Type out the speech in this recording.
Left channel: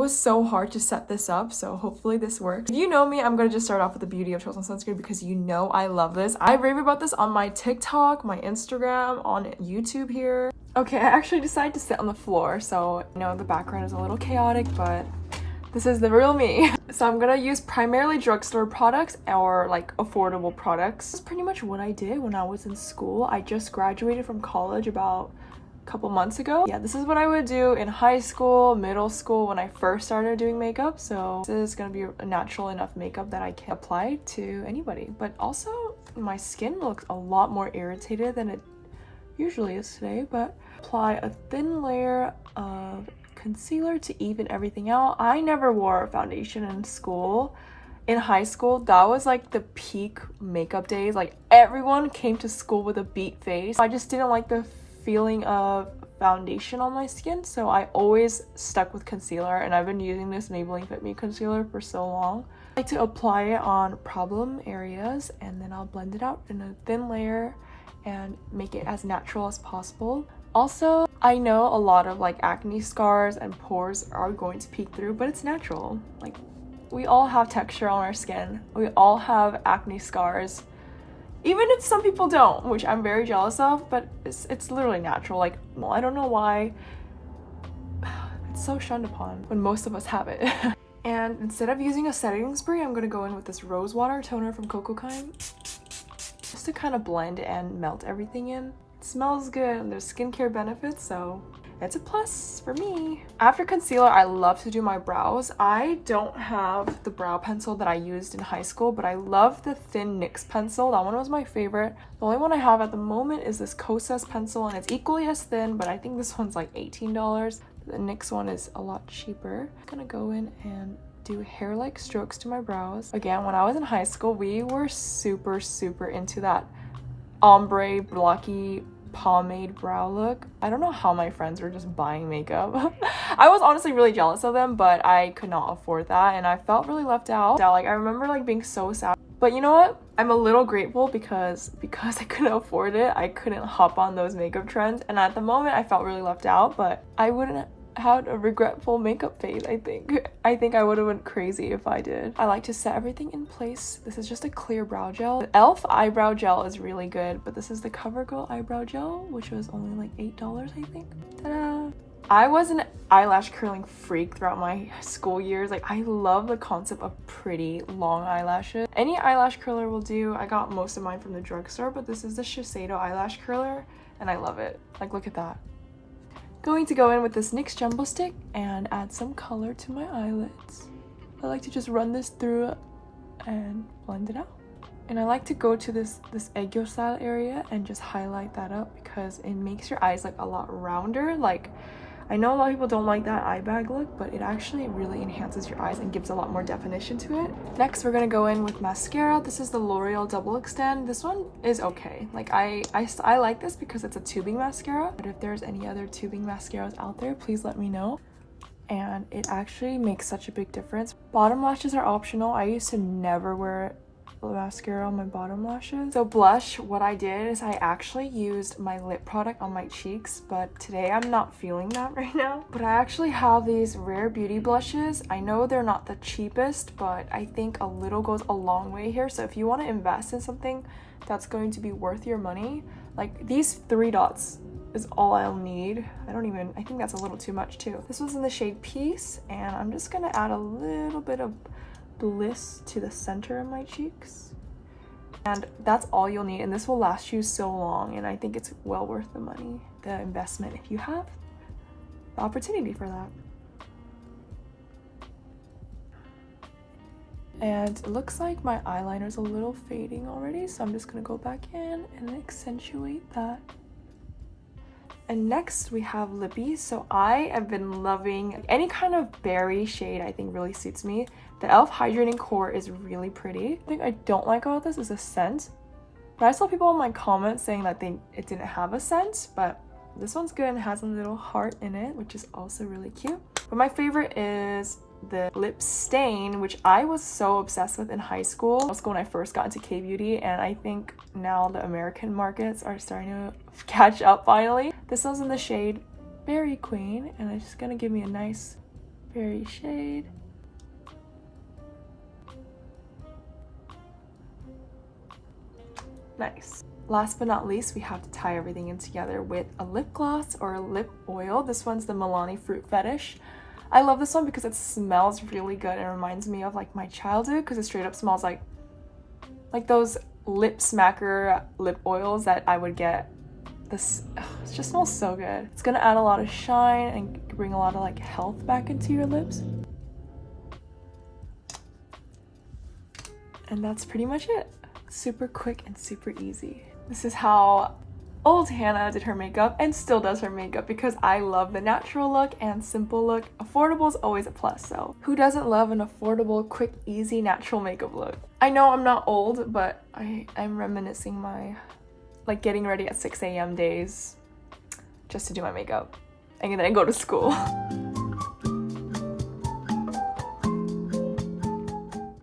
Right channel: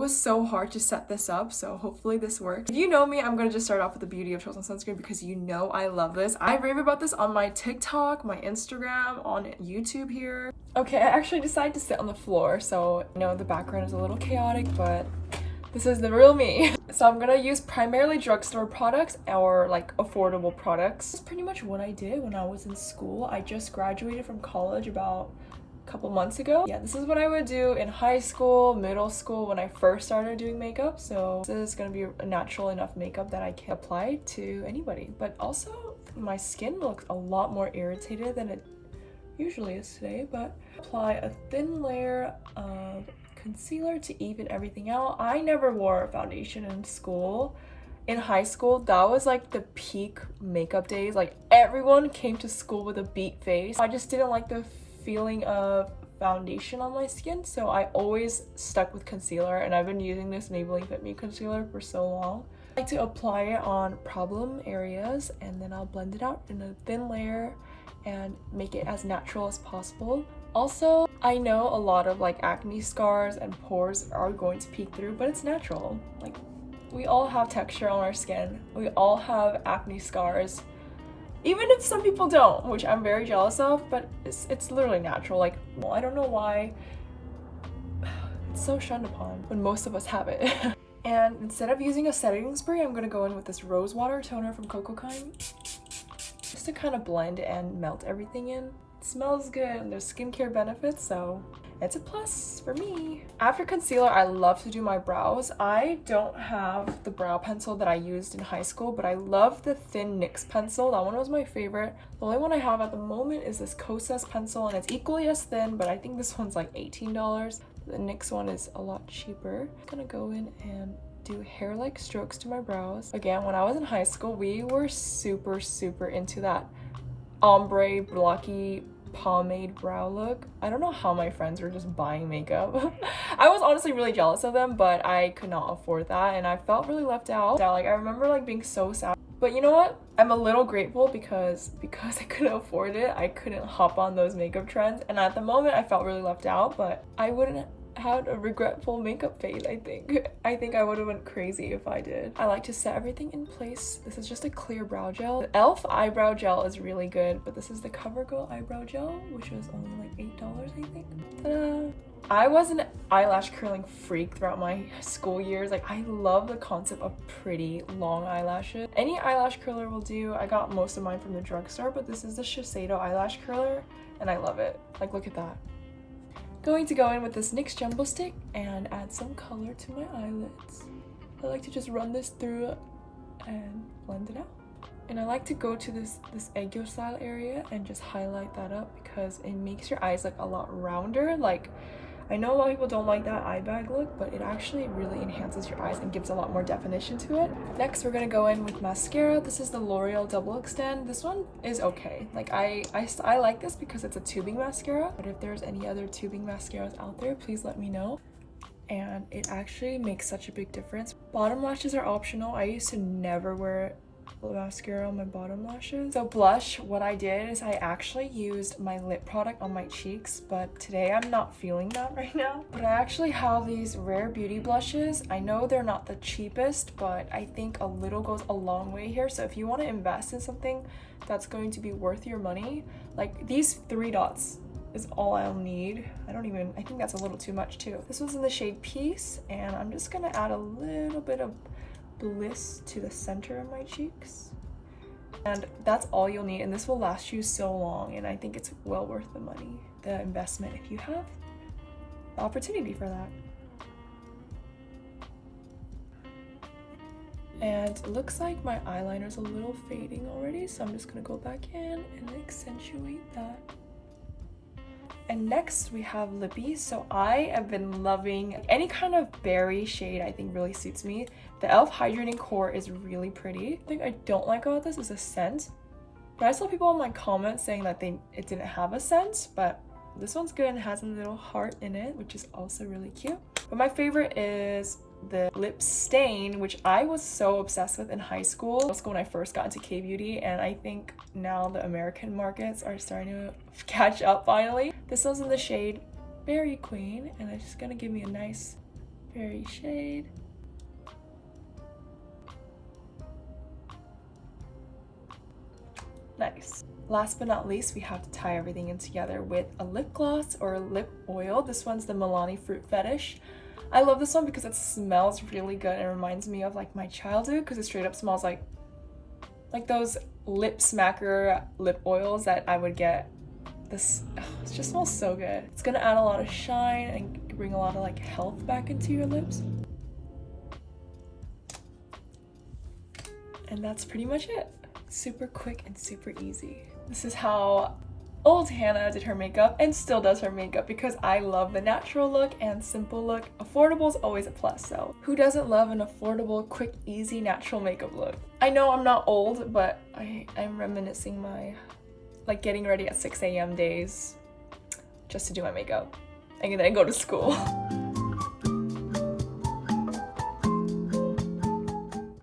was so hard to set this up, so hopefully this works. If you know me, I'm gonna just start off with the beauty of chosen sunscreen because you know I love this. I rave about this on my TikTok, my Instagram, on YouTube here. Okay, I actually decided to sit on the floor, so I know the background is a little chaotic, but this is the real me. So I'm gonna use primarily drugstore products or like affordable products. That's pretty much what I did when I was in school. I just graduated from college about a couple months ago. Yeah, this is what I would do in high school, middle school, when I first started doing makeup. So this is gonna be a natural enough makeup that I can apply to anybody. But also my skin looks a lot more irritated than it usually is today, but apply a thin layer of concealer to even everything out. I never wore foundation in school. In high school, that was like the peak makeup days. Like everyone came to school with a beat face. I just didn't like the feeling of foundation on my skin, so I always stuck with concealer, and I've been using this Maybelline Fit Me concealer for so long. I like to apply it on problem areas, and then I'll blend it out in a thin layer and make it as natural as possible. Also, I know a lot of like acne scars and pores are going to peek through, but it's natural. Like, we all have texture on our skin. We all have acne scars. Even if some people don't, which I'm very jealous of, but it's literally natural. Like, well, I don't know why it's so shunned upon when most of us have it. And instead of using a setting spray, I'm gonna go in with this Rosewater toner from Coco Kind, just to kind of blend and melt everything in. It smells good and there's skincare benefits, so it's a plus for me. After concealer, I love to do my brows. I don't have the brow pencil that I used in high school, but I love the thin NYX pencil. That one was my favorite. The only one I have at the moment is this Kosas pencil, and it's equally as thin, but I think this one's like $18. The NYX one is a lot cheaper. I'm gonna go in and do hair-like strokes to my brows. Again, when I was in high school, we were super into that ombre blocky pomade brow look. I don't know how my friends were just buying makeup. I was honestly really jealous of them, but I could not afford that, and I felt really left out. Like, I remember like being so sad. But you know what? I'm a little grateful because I couldn't afford it. I couldn't hop on those makeup trends, and at the moment I felt really left out, but I wouldn't had a regretful makeup phase. I think I would have went crazy if I did. I like to set everything in place. This is just a clear brow gel. The e.l.f. eyebrow gel is really good, but this is the CoverGirl eyebrow gel, which was only like $8, I think. Ta-da! I was an eyelash curling freak throughout my school years. Like, I love the concept of pretty long eyelashes. Any eyelash curler will do. I got most of mine from the drugstore, but this is the Shiseido eyelash curler, and I love it. Like, look at that. Going to go in with this NYX Jumbo Stick and add some color to my eyelids. I like to just run this through and blend it out. And I like to go to this aegyo style area and just highlight that up because it makes your eyes like a lot rounder. Like, I know a lot of people don't like that eye bag look, but it actually really enhances your eyes and gives a lot more definition to it. Next, we're gonna go in with mascara. This is the L'Oreal Double Extend. This one is okay. Like, I like this because it's a tubing mascara, but if there's any other tubing mascaras out there, please let me know. And it actually makes such a big difference. Bottom lashes are optional. I used to never wear mascara on my bottom lashes. So blush, what I did is I actually used my lip product on my cheeks, but today I'm not feeling that right now. But I actually have these Rare Beauty blushes. I know they're not the cheapest, but I think a little goes a long way here. So if you want to invest in something that's going to be worth your money, like these 3 dots is all I'll need. I think that's a little too much too. This was in the shade Peace, and I'm just gonna add a little bit of Bliss to the center of my cheeks, and that's all you'll need, and this will last you so long, and I think it's well worth the money, the investment, if you have the opportunity for that. And it looks like my eyeliner's a little fading already, so I'm just gonna go back in and accentuate that. And next we have Lippies. So I have been loving any kind of berry shade. I think really suits me. The e.l.f. Hydrating Core is really pretty. The thing I don't like about this is the scent. But I saw people in my comments saying that it didn't have a scent, but this one's good and has a little heart in it, which is also really cute. But my favorite is the lip stain, which I was so obsessed with in high school when I first got into K-beauty, and I think now the American markets are starting to catch up finally. This one's in the shade Berry Queen, and it's just gonna give me a nice Berry shade. Nice. Last but not least, we have to tie everything in together with a lip gloss or a lip oil. This one's the Milani Fruit Fetish. I love this one because it smells really good and reminds me of like my childhood, because it straight up smells like those lip smacker lip oils that I would get. This it just smells so good. It's gonna add a lot of shine and bring a lot of like health back into your lips. And that's pretty much it. Super quick and super easy. This is how old Hannah did her makeup and still does her makeup, because I love the natural look and simple look. Affordable is always a plus, so who doesn't love an affordable, quick, easy, natural makeup look? I know I'm not old, but I'm reminiscing my like getting ready at 6 a.m. days just to do my makeup and then go to school.